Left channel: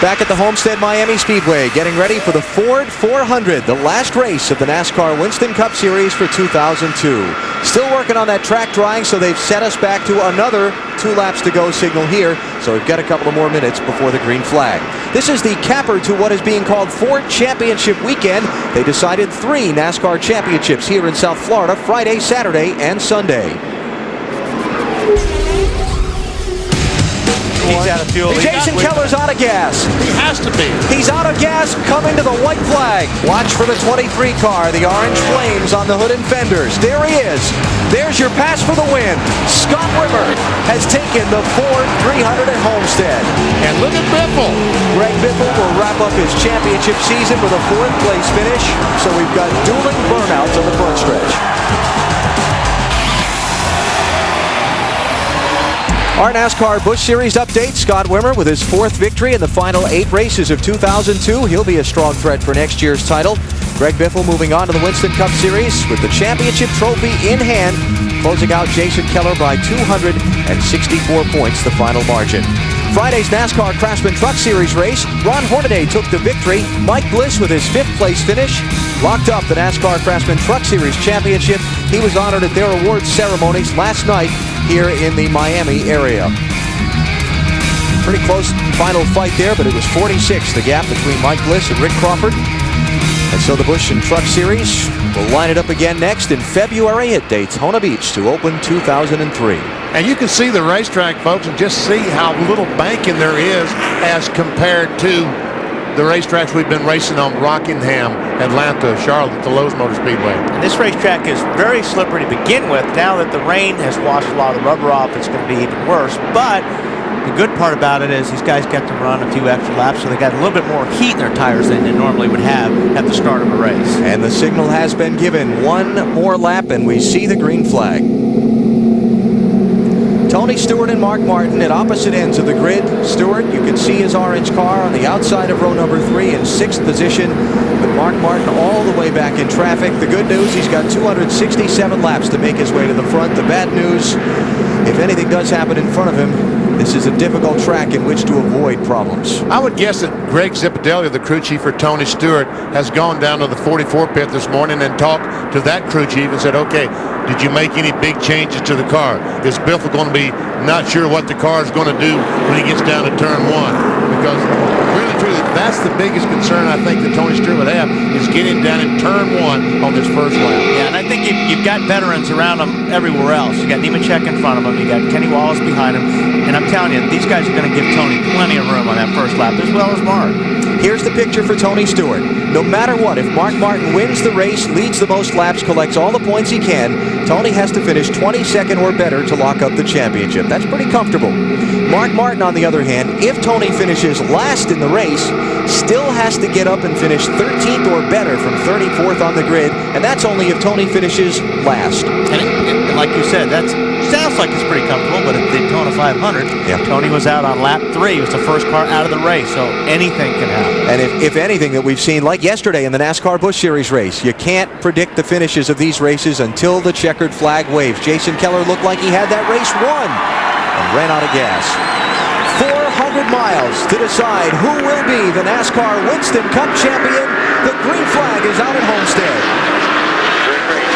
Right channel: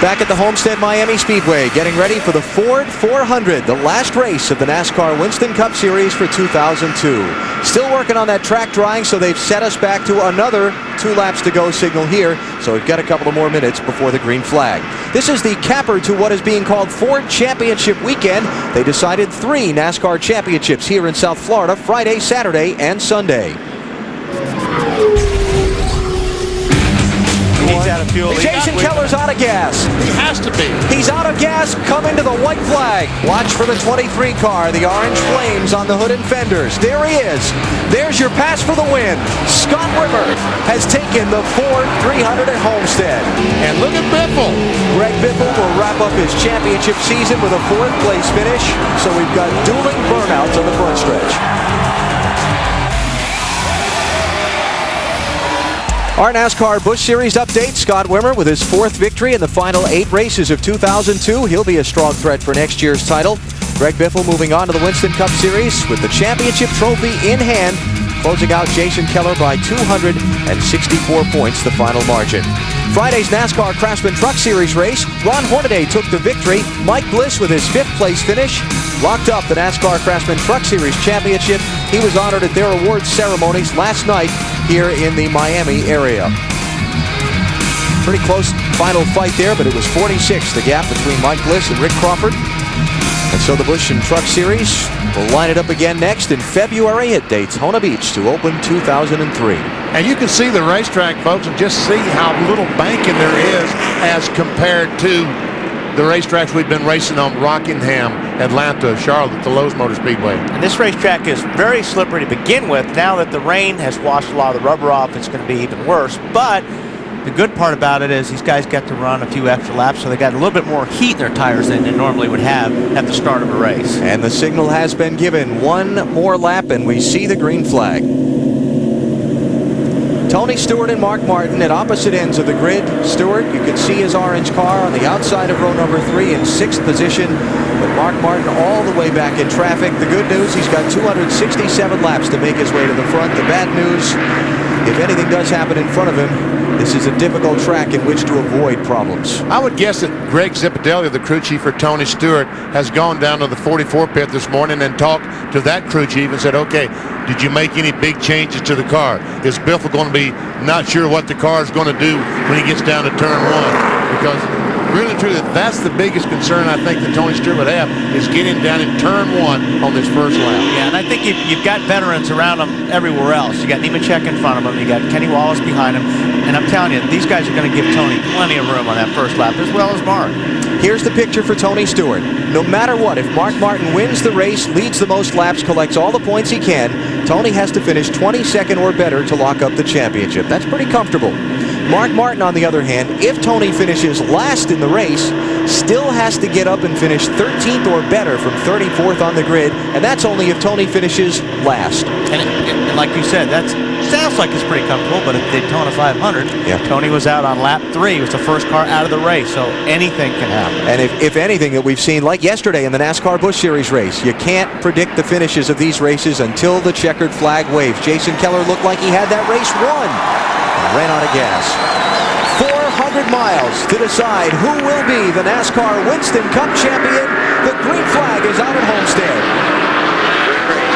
Back at the Homestead-Miami Speedway, getting ready for the Ford 400, the last race of the NASCAR Winston Cup Series for 2002. Still working on that track drying, so they've set us back to another 2 laps to go signal here, so we've got a couple of more minutes before the green flag. This is the capper to what is being called Ford Championship Weekend. They decided 3 NASCAR championships here in South Florida, Friday, Saturday, and Sunday. He's out of fuel. Jason Keller's out of gas. He has to be. He's out of gas coming to the white flag. Watch for the 23 car, the orange flames on the hood and fenders. There he is. There's your pass for the win. Scott Wimmer has taken the Ford 300 at Homestead. And look at Biffle. Greg Biffle will wrap up his championship season with a 4th place finish. So we've got dueling burnouts on the front stretch. Our NASCAR Busch Series update, Scott Wimmer with his 4th victory in the final 8 races of 2002. He'll be a strong threat for next year's title. Greg Biffle moving on to the Winston Cup Series with the championship trophy in hand, closing out Jason Keller by 264 points, the final margin. Friday's NASCAR Craftsman Truck Series race, Ron Hornaday took the victory. Mike Bliss with his 5th place finish locked up the NASCAR Craftsman Truck Series championship. He was honored at their awards ceremonies last night here in the Miami area. Pretty close final fight there, but it was 46, the gap between Mike Bliss and Rick Crawford. And so the Busch and Truck Series will line it up again next in February at Daytona Beach to open 2003. And you can see the racetrack, folks, and just see how little banking there is as compared to the racetracks we've been racing on: Rockingham, Atlanta, Charlotte, the Lowe's Motor Speedway. And this racetrack is very slippery to begin with. Now that the rain has washed a lot of the rubber off, it's going to be even worse. But the good part about it is these guys get to run a few extra laps, so they got a little bit more heat in their tires than they normally would have at the start of a race. And the signal has been given. 1 more lap and we see the green flag. Tony Stewart and Mark Martin at opposite ends of the grid. Stewart, you can see his orange car on the outside of row number 3 in 6th position, but Mark Martin all the way back in traffic. The good news, he's got 267 laps to make his way to the front. The bad news, if anything does happen in front of him, this is a difficult track in which to avoid problems. I would guess that Greg Zipadelli, the crew chief for Tony Stewart, has gone down to the 44 pit this morning and talked to that crew chief and said, okay, did you make any big changes to the car? Is Biffle going to be not sure what the car is going to do when he gets down to turn 1? Because really, truly, that's the biggest concern I think that Tony Stewart would have, is getting down in turn 1 on this first lap. Yeah, and I think you've got veterans around him everywhere else. You got Nemechek in front of him. You got Kenny Wallace behind him. And I'm telling you, these guys are going to give Tony plenty of room on that first lap, as well as Mark. Here's the picture for Tony Stewart. No matter what, if Mark Martin wins the race, leads the most laps, collects all the points he can, Tony has to finish 22nd or better to lock up the championship. That's pretty comfortable. Mark Martin, on the other hand, if Tony finishes last in the race, still has to get up and finish 13th or better from 34th on the grid, and that's only if Tony finishes last. And like you said, that sounds like it's pretty comfortable, but at Daytona 500, yeah, Tony was out on lap 3. He was the first car out of the race, so anything can happen. And if anything that we've seen, like yesterday in the NASCAR Busch Series race, you can't predict the finishes of these races until the checkered flag waves. Jason Keller looked like he had that race won and ran out of gas. 400 miles to decide who will be the NASCAR Winston Cup champion. The green flag is out at Homestead. Green.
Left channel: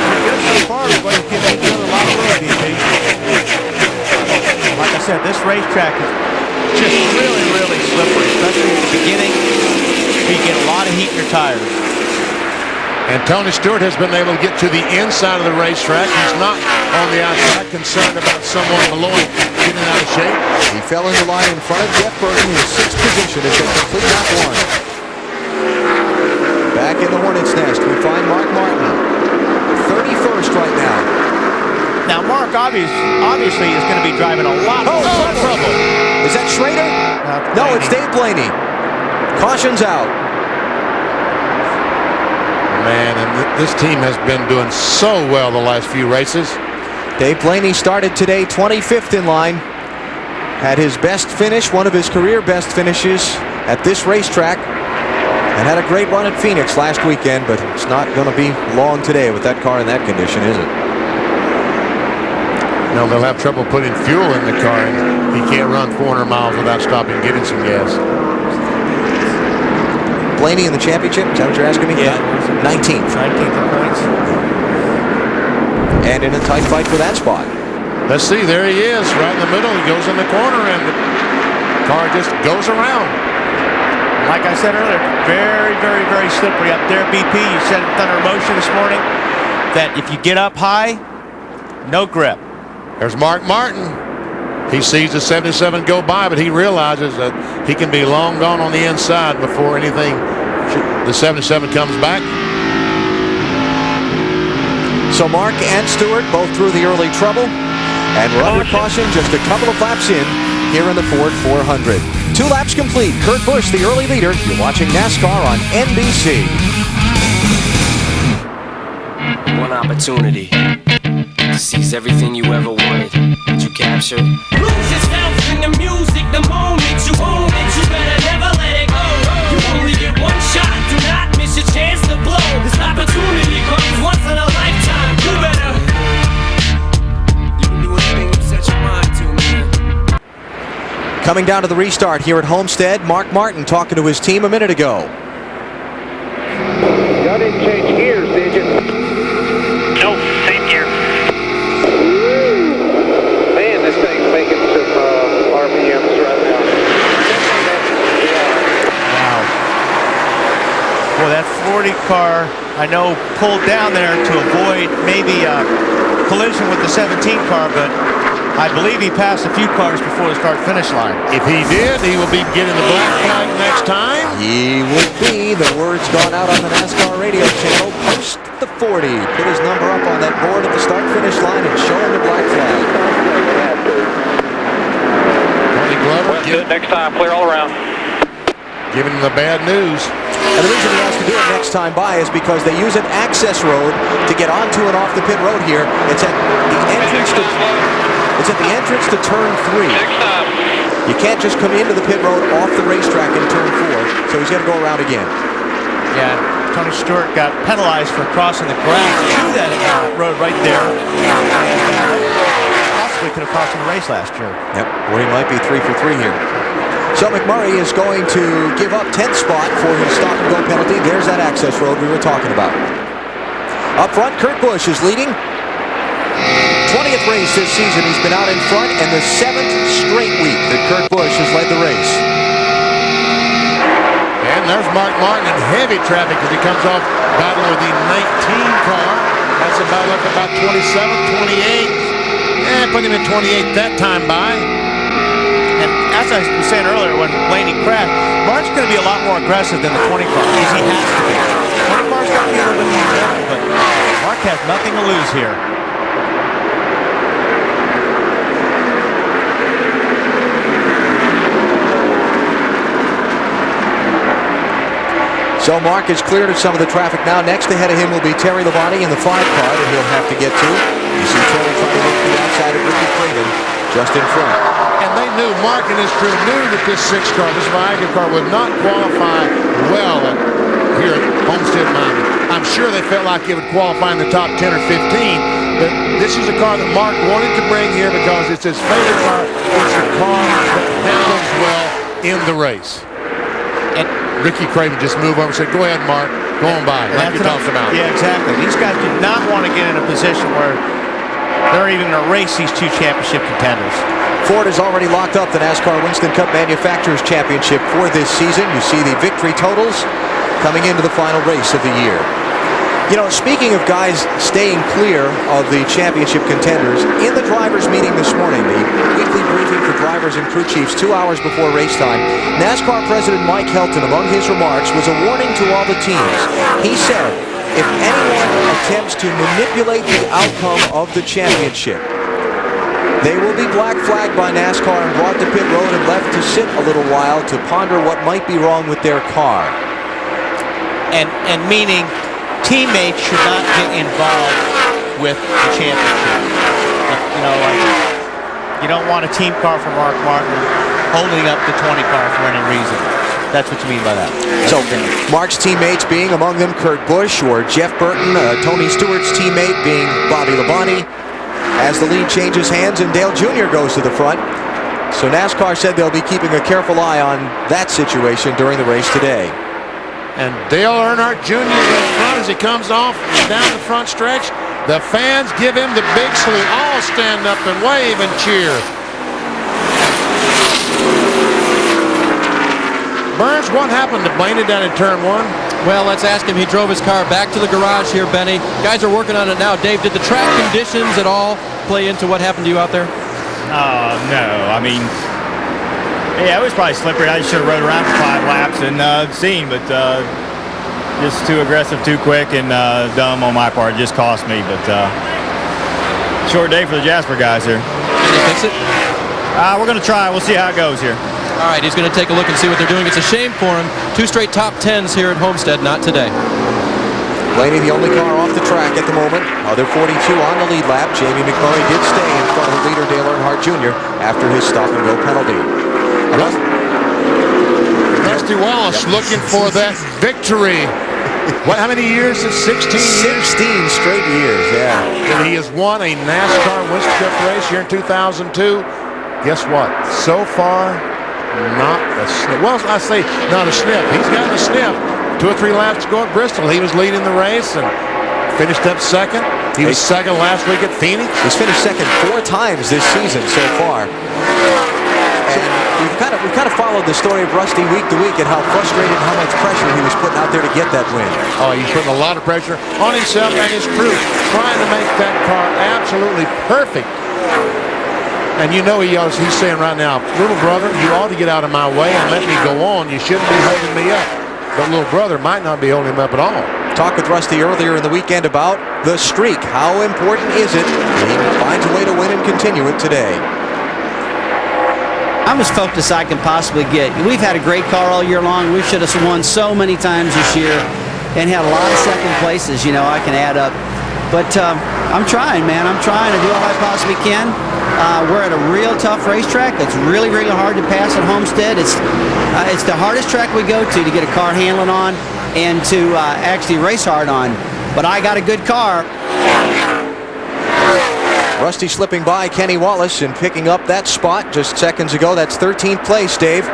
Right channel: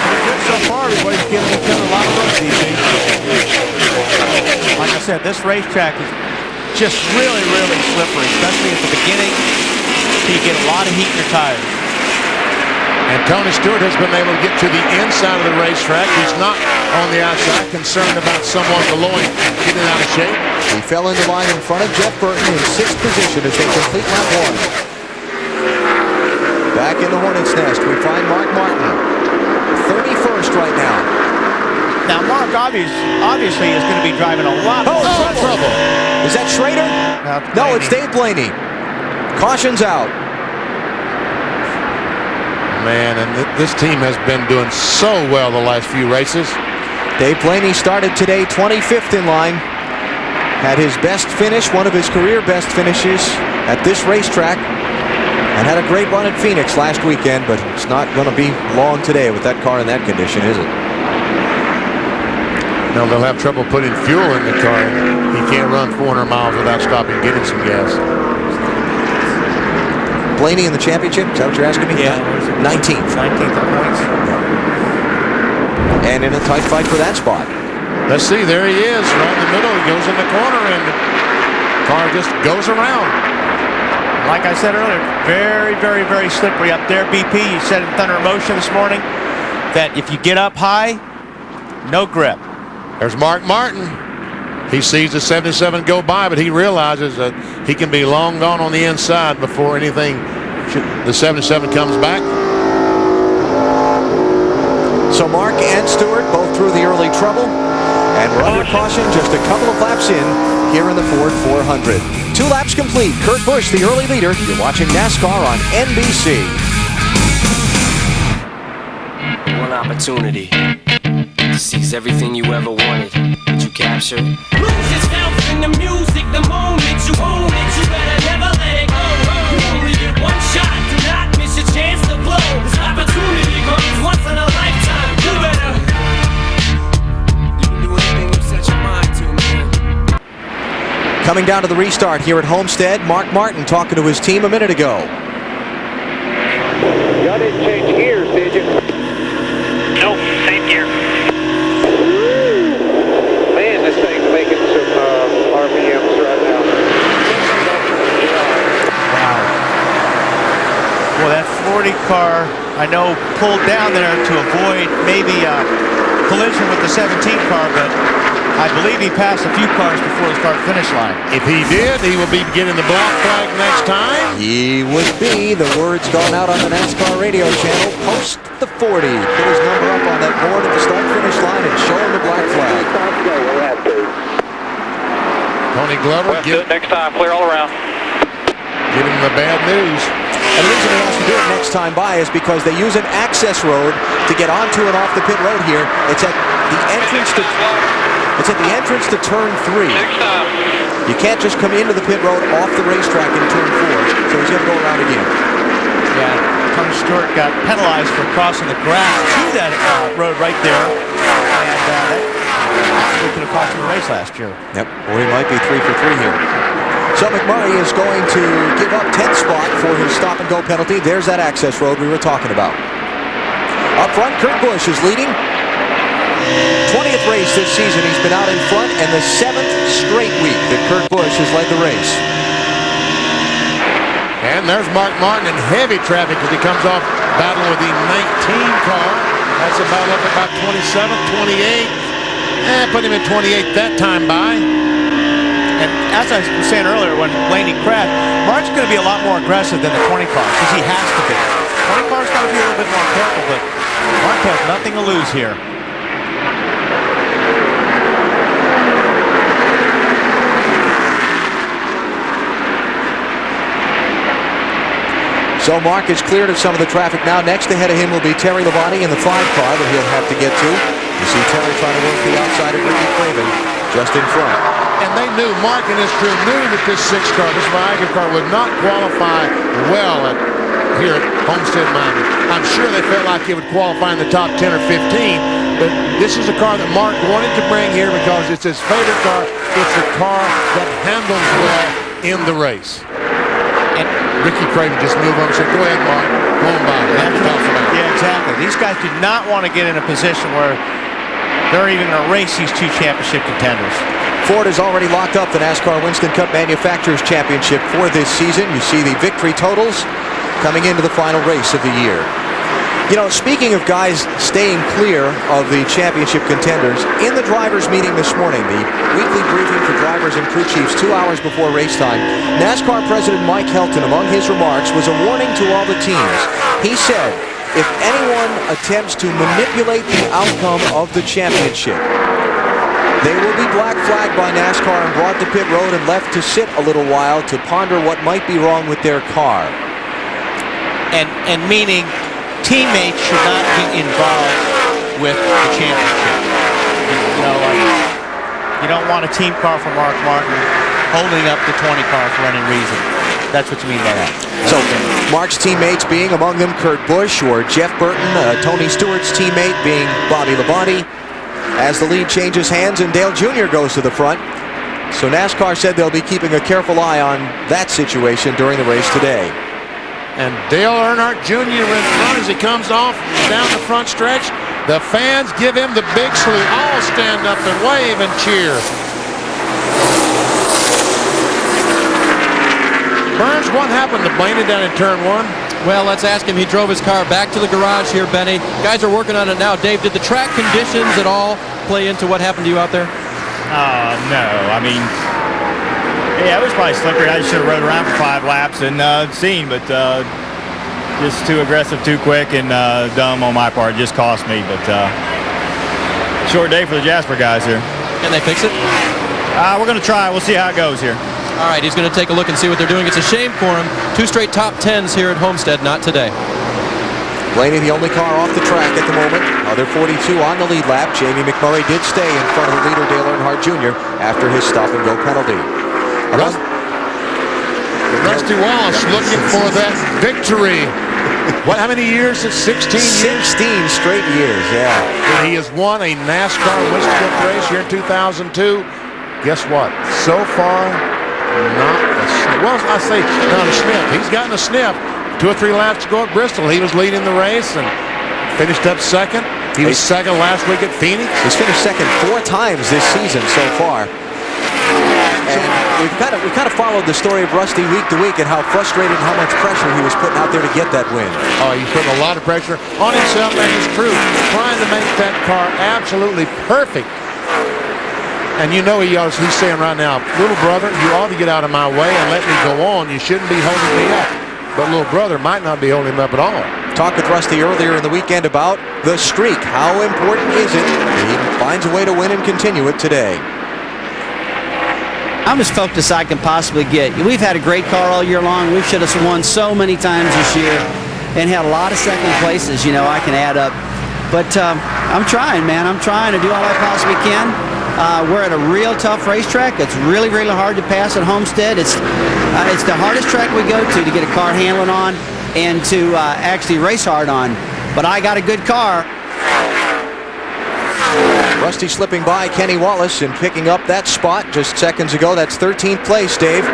Pretty good so far. Everybody's giving each other a lot of road, DP. Like I said, this racetrack is just really, really slippery, especially at the beginning. You get a lot of heat in your tires. And Tony Stewart has been able to get to the inside of the racetrack. He's not on the outside, concerned about someone below him getting out of shape. He fell into line in front of Jeff Burton in 6th position as they complete lap 1. Back in the Hornet's Nest, we find Mark Martin, 31st right now. Now, Mark obviously is going to be driving a lot more trouble. Is that Schrader? No, it's Dave Blaney. Caution's out. Man, and this team has been doing so well the last few races. Dave Blaney started today 25th in line. had his best finish, one of his career best finishes at this racetrack, and had a great run at Phoenix last weekend, but it's not going to be long today with that car in that condition, is it? No, they'll have trouble putting fuel in the car, and he can't run 400 miles without stopping and getting some gas. Blaney in the championship, is that what you're asking me? Yeah. 19th. 19th in points. And in a tight fight for that spot. Let's see, there he is, right in the middle. He goes in the corner, and the car just goes around. Like I said earlier, very, very, very slippery up there. BP, you said in Thunder Motion this morning that if you get up high, no grip. There's Mark Martin. He sees the 77 go by, but he realizes that he can be long gone on the inside before anything, the 77 comes back. So Mark and Stewart both through the early trouble, and we're under caution just a couple of laps in here in the Ford 400. 2 laps complete. Kurt Busch, the early leader. You're watching NASCAR on NBC. One opportunity to seize everything you ever wanted, but you captured. Lose yourself in the music the moment you own it. You better never let it go. You only get one shot. Do not miss your chance to blow. This opportunity comes once in a lifetime. You better. You can do anything you set your mind to, man. Coming down to the restart here at Homestead, Mark Martin talking to his team a minute ago. Y'all didn't change gears, did you? Nope, same gear. Man, this thing's making some RPMs right now. Wow. Well, that 40 car, I know, pulled down there to avoid maybe a collision with the 17 car, but I believe he passed a few cars before the start-finish line. If he did, he will be getting the black flag next time. He would be. The word's gone out on the NASCAR radio channel. Post the 40. Put his number up on that board at the start-finish line and show him the black flag. Tony Glover Well, do it next time. Clear all around. giving him the bad news. And the reason he has to do it next time by is because they use an access road to get onto and off the pit road here. It's at the entrance to... It's at the entrance to turn 3. Next time. You can't just come into the pit road off the racetrack in turn 4, so he's got to go around again. Yeah, Tony Stewart got penalized for crossing the grass to that road right there, and that possibly could have cost him the race last year. Yep, or he might be 3 for 3 here. So McMurray is going to give up 10th spot for his stop-and-go penalty. There's that access road we were talking about. Up front, Kurt Busch is leading. 20th race this season he's been out in front, and the 7th straight week that Kurt Busch has led the race. And there's Mark Martin in heavy traffic as he comes off battling with the 19 car. That's a battle up for about 27th, 28th. Put him in 28th that time by. And as I was saying earlier, when Blaney crashed, Mark's going to be a lot more aggressive than the 20 car, because he has to be. 20 car's got to be a little bit more careful, but Mark has nothing to lose here. So Mark is cleared of some of the traffic now. Next ahead of him will be Terry Labonte in the 5 car that he'll have to get to. You see Terry trying to work the outside of Ricky Craven just in front. And they knew, Mark and his crew knew that this 6 car, this Viagra car, would not qualify well here at Homestead-Miami. I'm sure they felt like it would qualify in the top 10 or 15, but this is a car that Mark wanted to bring here because it's his favorite car. It's a car that handles well in the race. And Ricky Craven just moved over and said, go ahead, Mark, go on by, like you're talking about. Yeah, exactly. These guys do not want to get in a position where they're even going to race these 2 championship contenders. Ford has already locked up the NASCAR Winston Cup Manufacturers Championship for this season. You see the victory totals coming into the final race of the year. You know, speaking of guys staying clear of the championship contenders, in the drivers' meeting this morning, the weekly briefing for drivers and crew chiefs 2 hours before race time, NASCAR President Mike Helton, among his remarks, was a warning to all the teams. He said, if anyone attempts to manipulate the outcome of the championship, they will be black flagged by NASCAR and brought to pit road and left to sit a little while to ponder what might be wrong with their car. And meaning teammates should not get involved with the championship. You know, like You don't want a team car for Mark Martin holding up the 20 car for any reason. That's what you mean by that. So Mark's teammates being among them Kurt Busch or Jeff Burton, Tony Stewart's teammate being Bobby Labonte. As the lead changes hands and Dale Jr. goes to the front. So NASCAR said they'll be keeping a careful eye on that situation during the race today. And Dale Earnhardt Jr. in front as he comes off down the front stretch. The fans give him the big salute. All stand up and wave and cheer. Burns, what happened to Blaney down in turn 1? Well, let's ask him. He drove his car back to the garage here, Benny. Guys are working on it now. Dave, did the track conditions at all play into what happened to you out there? No. I mean, yeah, it was probably slippery. I should have rode around for 5 laps and seen, but just too aggressive, too quick, and dumb on my part. It just cost me, but short day for the Jasper guys here. Can they fix it? We're going to try. We'll see how it goes here. All right, he's going to take a look and see what they're doing. It's a shame for him. 2 straight top 10s here at Homestead, not today. Blaney, the only car off the track at the moment. Other 42 on the lead lap. Jamie McMurray did stay in front of the leader, Dale Earnhardt Jr., after his stop-and-go penalty. Rusty Wallace looking for that victory. How many years? 16 years? 16 straight years, yeah. That he has won a NASCAR Winston Cup race here in 2002. Guess what? So far, not a sniff. Well, I say not a sniff. He's gotten a sniff. 2 or 3 laps to go at Bristol. He was leading the race and finished up second. He was second last week at Phoenix. He's finished second 4 times this season so far. And we've kind of followed the story of Rusty week to week and how frustrated and how much pressure he was putting out there to get that win. Oh, he's putting a lot of pressure on himself and his crew, trying to make that car absolutely perfect. And you know he's saying right now, little brother, you ought to get out of my way and let me go on. You shouldn't be holding me up. But little brother might not be holding him up at all. Talked with Rusty earlier in the weekend about the streak. How important is it? He finds a way to win and continue it today. I'm as focused as I can possibly get. We've had a great car all year long. We should have won so many times this year and had a lot of second places, I can add up. But I'm trying, man. I'm trying to do all I possibly can. We're at a real tough racetrack. It's really, really hard to pass at Homestead. It's the hardest track we go to get a car handling on and to actually race hard on. But I got a good car. Rusty slipping by Kenny Wallace and picking up that spot just seconds ago. That's 13th place, Dave.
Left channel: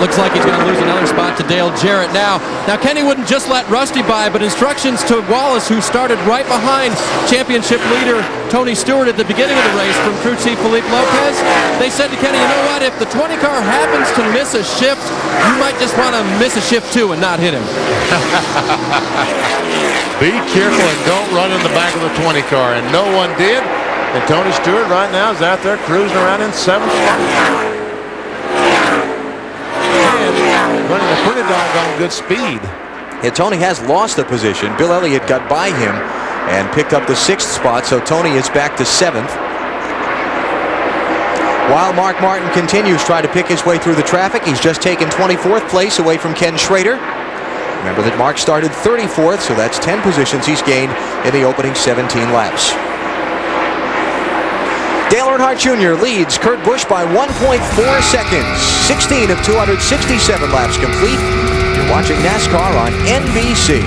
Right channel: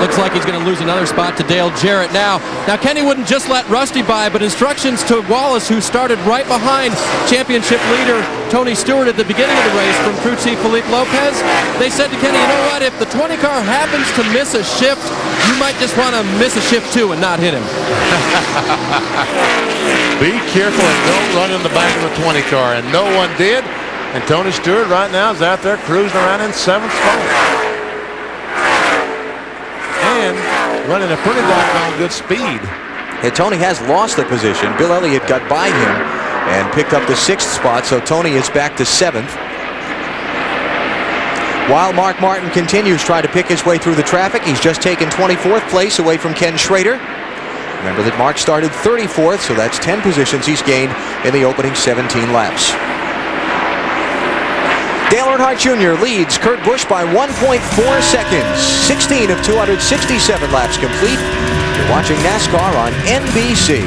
Looks like he's going to lose another spot to Dale Jarrett now. Now, Kenny wouldn't just let Rusty by, but instructions to Wallace, who started right behind championship leader Tony Stewart at the beginning of the race from crew chief Felipe Lopez. They said to Kenny, you know what, if the 20 car happens to miss a shift, you might just want to miss a shift too and not hit him. Be careful and don't run in the back of the 20 car. And no one did. And Tony Stewart right now is out there cruising around in 7th spot. And running a pretty doggone good speed. Yeah, Tony has lost the position. Bill Elliott got by him and picked up the 6th spot, so Tony is back to 7th. While Mark Martin continues trying to pick his way through the traffic, he's just taken 24th place away from Ken Schrader. Remember that Mark started 34th, so that's 10 positions he's gained in the opening 17 laps. Dale Earnhardt Jr. leads Kurt Busch by 1.4 seconds. 16 of 267 laps complete. You're watching NASCAR on NBC.